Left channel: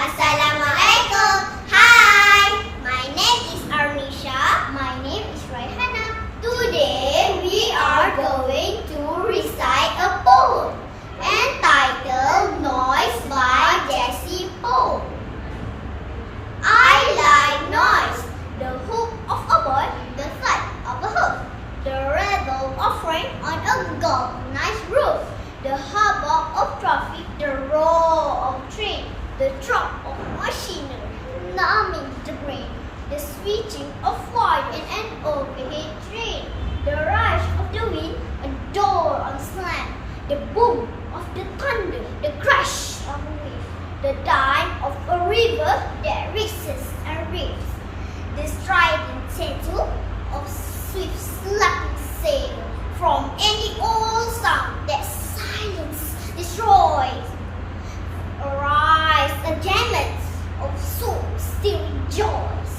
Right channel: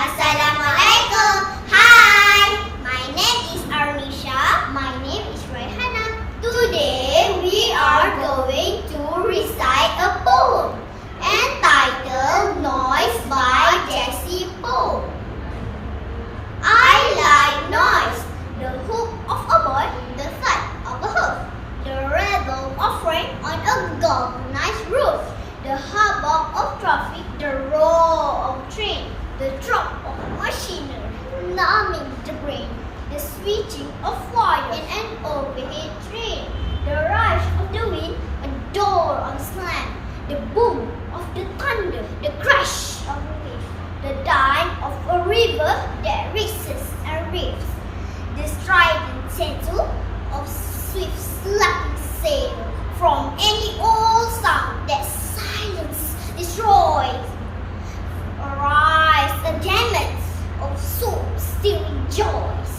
Assalamualaikum. Hi, my name is Arnisha. My name is Raihana. Today we are going to recite a poem entitled Noise by Jessie poem. I like noise, the whoop of a boy, the thud of a hoof, the rattle of rain on a galvanized roof, the hubbub of traffic, the roar of train, the throb of machinery, numbing the brain, the switching of wire in an overhead train, the rush of the wind, a door on slam, the boom of the thunder, the crash of a wave, the dime of a river that races and raves, the strident tinkle of swift slapping sail from any old sound that silence destroys. Arise, a gamut of soul-stealing joys.